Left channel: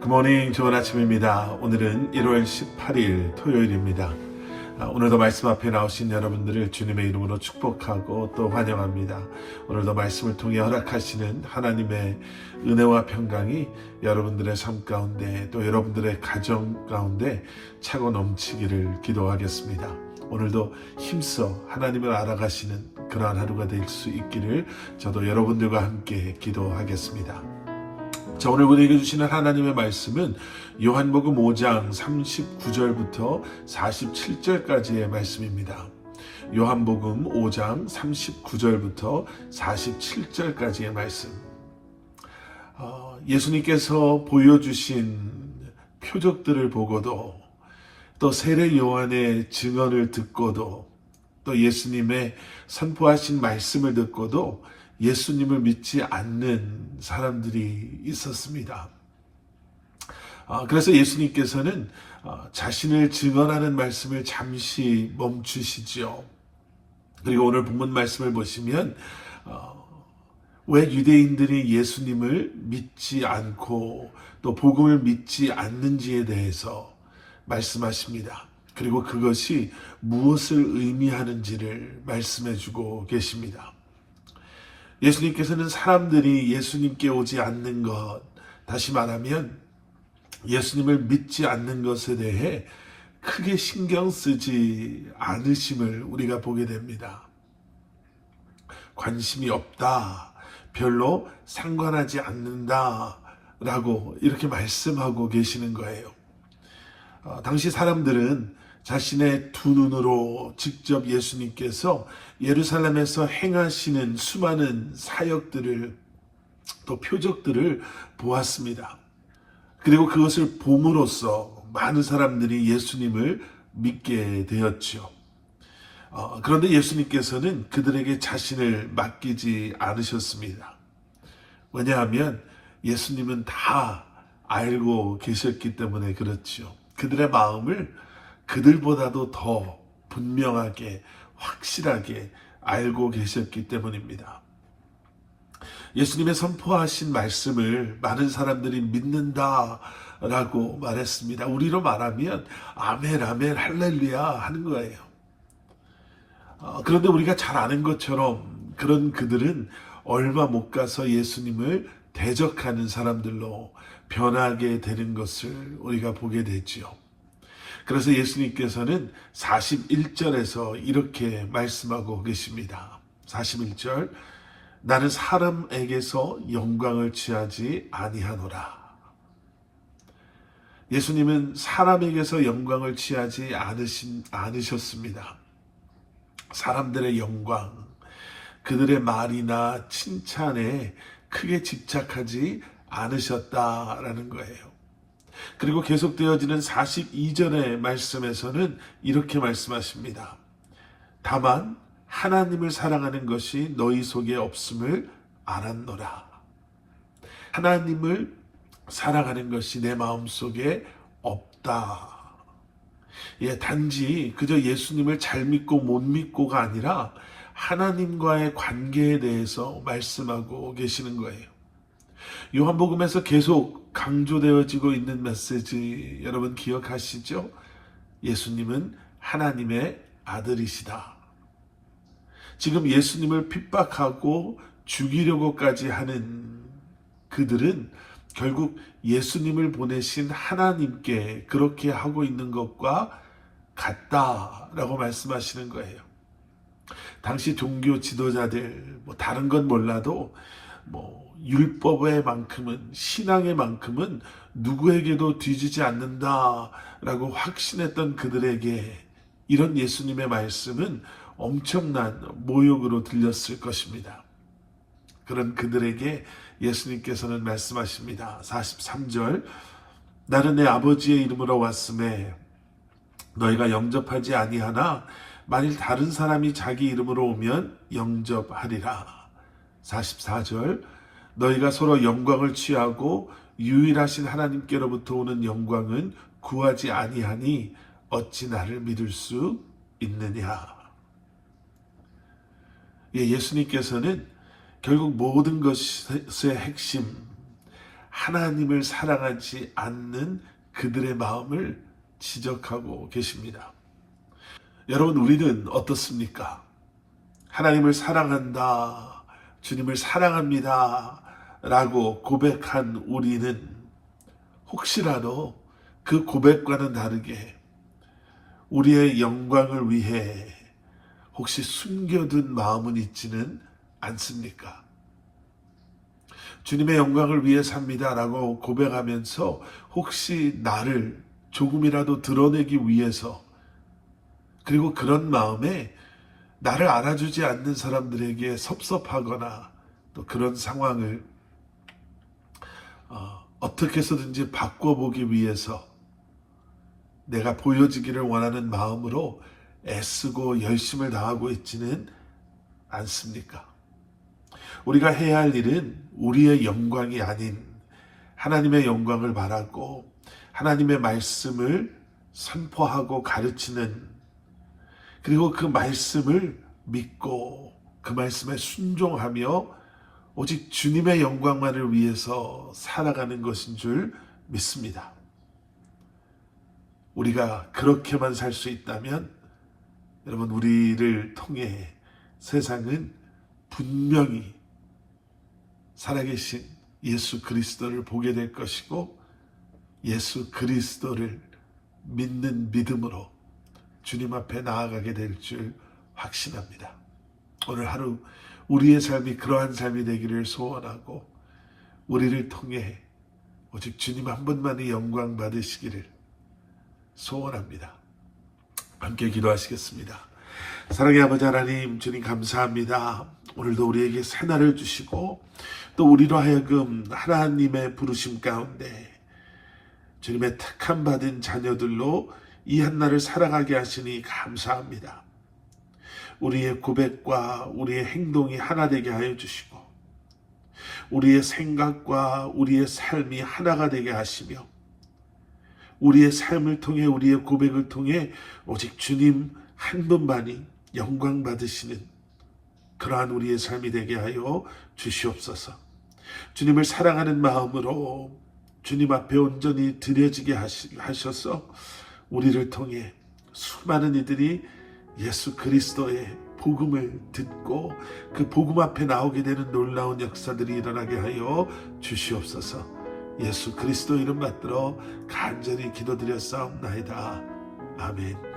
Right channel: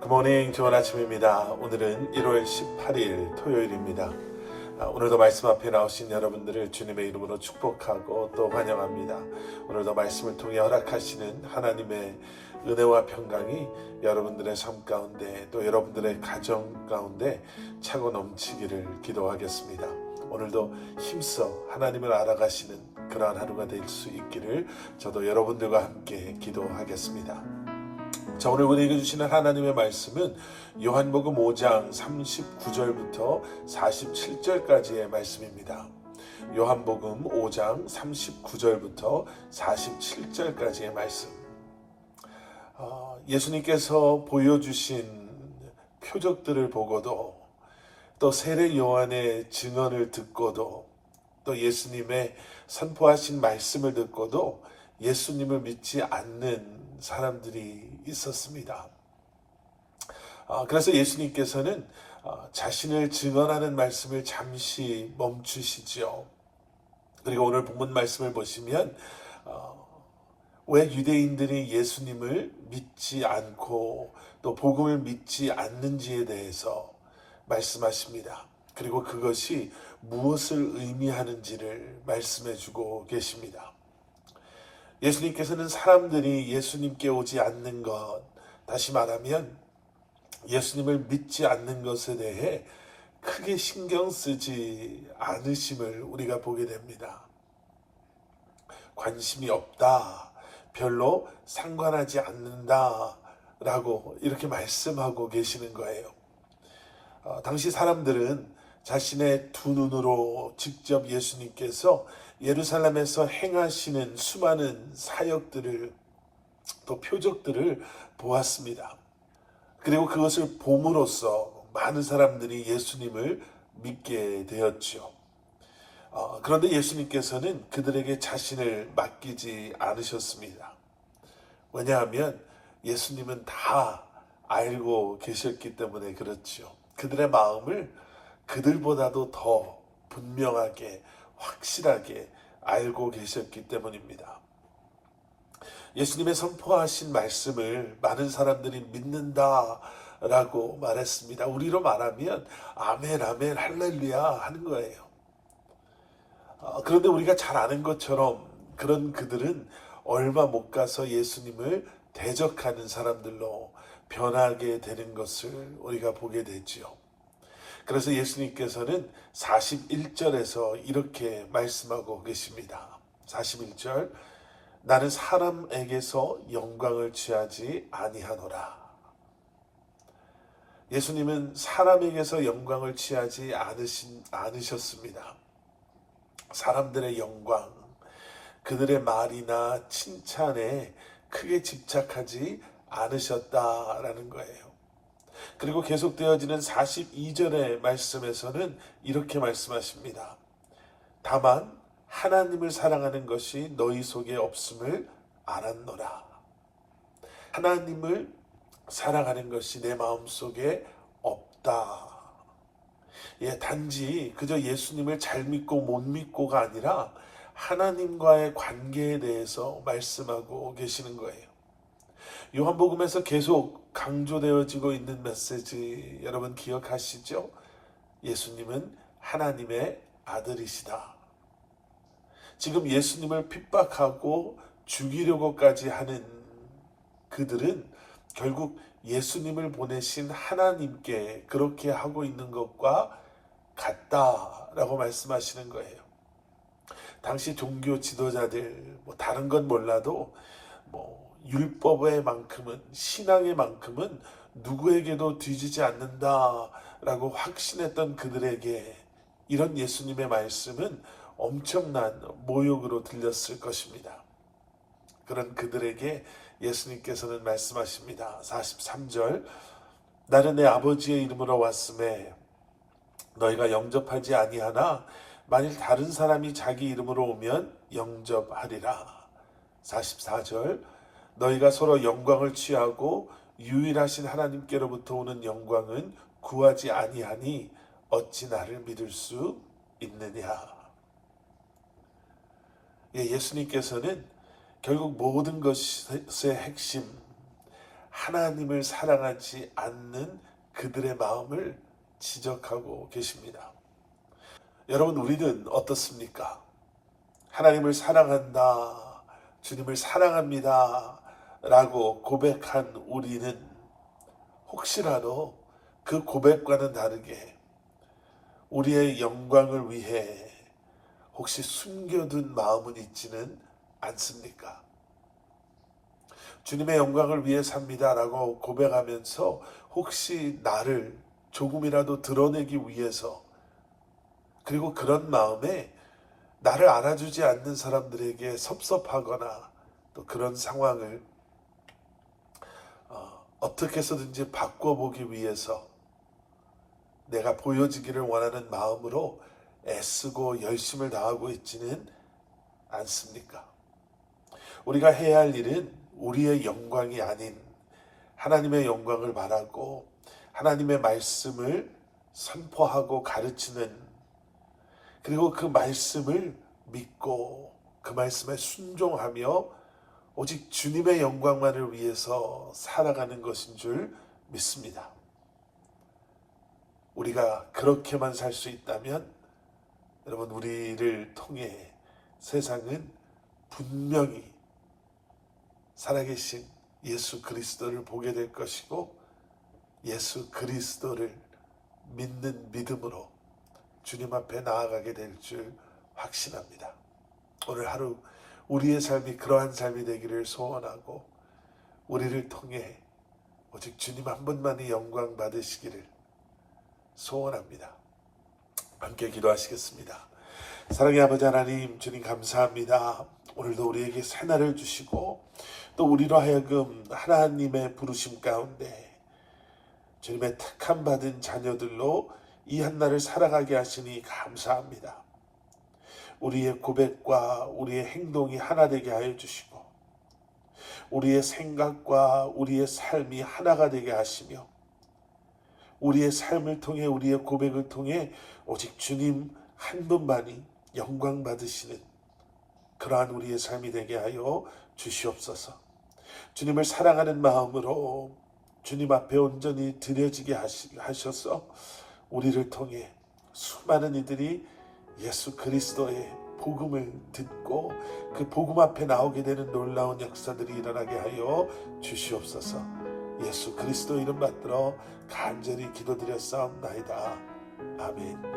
굿모닝, 좋은 아침입니다. 오늘은 1월 18일 토요일입니다. 오늘도 말씀 앞에 나오신 여러분들을 주님의 이름으로 축복하고 또 환영합니다. 오늘도 말씀을 통해 허락하시는 하나님의 은혜와 평강이 여러분들의 삶 가운데 또 여러분들의 가정 가운데 차고 넘치기를 기도하겠습니다. 오늘도 힘써 하나님을 알아가시는 그러한 하루가 될 수 있기를 저도 여러분들과 함께 기도하겠습니다. 자, 오늘 우리에게 주시는 하나님의 말씀은 요한복음 5장 39절부터 47절까지의 말씀입니다. 요한복음 5장 39절부터 47절까지의 말씀. 예수님께서 보여주신 표적들을 보고도 또 세례 요한의 증언을 듣고도 또 예수님의 선포하신 말씀을 듣고도 예수님을 믿지 않는 사람들이 있었습니다. 그래서 예수님께서는 자신을 증언하는 말씀을 잠시 멈추시죠. 그리고 오늘 본문 말씀을 보시면 왜 유대인들이 예수님을 믿지 않고 또 복음을 믿지 않는지에 대해서 말씀하십니다. 그리고 그것이 무엇을 의미하는지를 말씀해 주고 계십니다. 예수님께서는 사람들이 예수님께 오지 않는 것, 다시 말하면 예수님을 믿지 않는 것에 대해 크게 신경 쓰지 않으심을 우리가 보게 됩니다. 관심이 없다, 별로 상관하지 않는다 라고 이렇게 말씀하고 계시는 거예요. 당시 사람들은 자신의 두 눈으로 직접 예수님께서 예루살렘에서 행하시는 수많은 사역들을 또 표적들을 보았습니다. 그리고 그것을 봄으로써 많은 사람들이 예수님을 믿게 되었죠. 그런데 예수님께서는 그들에게 자신을 맡기지 않으셨습니다. 왜냐하면 예수님은 다 알고 계셨기 때문에 그렇죠. 그들의 마음을 그들보다도 더 분명하게 확실하게 알고 계셨기 때문입니다. 예수님의 선포하신 말씀을 많은 사람들이 믿는다라고 말했습니다. 우리로 말하면 아멘 아멘 할렐루야 하는 거예요. 그런데 우리가 잘 아는 것처럼 그런 그들은 얼마 못 가서 예수님을 대적하는 사람들로 변하게 되는 것을 우리가 보게 되죠. 그래서 예수님께서는 41절에서 이렇게 말씀하고 계십니다. 41절, 나는 사람에게서 영광을 취하지 아니하노라. 예수님은 사람에게서 영광을 취하지 않으셨습니다. 사람들의 영광, 그들의 말이나 칭찬에 크게 집착하지 않으셨다라는 거예요. 그리고 계속되어지는 42절의 말씀에서는 이렇게 말씀하십니다. 다만 하나님을 사랑하는 것이 너희 속에 없음을 알았노라. 하나님을 사랑하는 것이 내 마음속에 없다. 단지 그저 예수님을 잘 믿고 못 믿고가 아니라 하나님과의 관계에 대해서 말씀하고 계시는 거예요. 요한복음에서 계속 강조되어지고 있는 메시지 여러분 기억하시죠? 예수님은 하나님의 아들이시다. 지금 예수님을 핍박하고 죽이려고까지 하는 그들은 결국 예수님을 보내신 하나님께 그렇게 하고 있는 것과 같다라고 말씀하시는 거예요. 당시 종교 지도자들 다른 건 몰라도 율법의 만큼은 신앙의 만큼은 누구에게도 뒤지지 않는다라고 확신했던 그들에게 이런 예수님의 말씀은 엄청난 모욕으로 들렸을 것입니다. 그런 그들에게 예수님께서는 말씀하십니다. 43절, 나는 내 아버지의 이름으로 왔음에 너희가 영접하지 아니하나 만일 다른 사람이 자기 이름으로 오면 영접하리라. 44절, 너희가 서로 영광을 취하고 유일하신 하나님께로부터 오는 영광은 구하지 아니하니 어찌 나를 믿을 수 있느냐. 예수님께서는 결국 모든 것의 핵심, 하나님을 사랑하지 않는 그들의 마음을 지적하고 계십니다. 여러분, 우리는 어떻습니까? 하나님을 사랑한다, 주님을 사랑합니다 라고 고백한 우리는 혹시라도 그 고백과는 다르게 우리의 영광을 위해 혹시 숨겨둔 마음은 있지는 않습니까? 주님의 영광을 위해 삽니다 라고 고백하면서 혹시 나를 조금이라도 드러내기 위해서, 그리고 그런 마음에 나를 알아주지 않는 사람들에게 섭섭하거나 또 그런 상황을 어떻게 해서든지 바꿔보기 위해서 내가 보여지기를 원하는 마음으로 애쓰고 열심을 다하고 있지는 않습니까? 우리가 해야 할 일은 우리의 영광이 아닌 하나님의 영광을 바라고 하나님의 말씀을 선포하고 가르치는, 그리고 그 말씀을 믿고 그 말씀에 순종하며 오직 주님의 영광만을 위해서 살아가는 것인 줄 믿습니다. 우리가 그렇게만 살 수 있다면 여러분, 우리를 통해 세상은 분명히 살아계신 예수 그리스도를 보게 될 것이고, 예수 그리스도를 믿는 믿음으로 주님 앞에 나아가게 될 줄 확신합니다. 오늘 하루 우리의 삶이 그러한 삶이 되기를 소원하고, 우리를 통해 오직 주님 한 분만이 영광 받으시기를 소원합니다. 함께 기도하시겠습니다. 사랑의 아버지 하나님, 주님 감사합니다. 오늘도 우리에게 새날을 주시고 또 우리로 하여금 하나님의 부르심 가운데 주님의 택함 받은 자녀들로 이 한날을 살아가게 하시니 감사합니다. 우리의 고백과 우리의 행동이 하나 되게 하여 주시고, 우리의 생각과 우리의 삶이 하나가 되게 하시며, 우리의 삶을 통해 우리의 고백을 통해 오직 주님 한 분만이 영광 받으시는 그러한 우리의 삶이 되게 하여 주시옵소서. 주님을 사랑하는 마음으로 주님 앞에 온전히 드려지게 하셔서 우리를 통해 수많은 이들이 예수 그리스도의 복음을 듣고 그 복음 앞에 나오게 되는 놀라운 역사들이 일어나게 하여 주시옵소서. 예수 그리스도 이름 받들어 간절히 기도드렸사옵나이다. 아멘.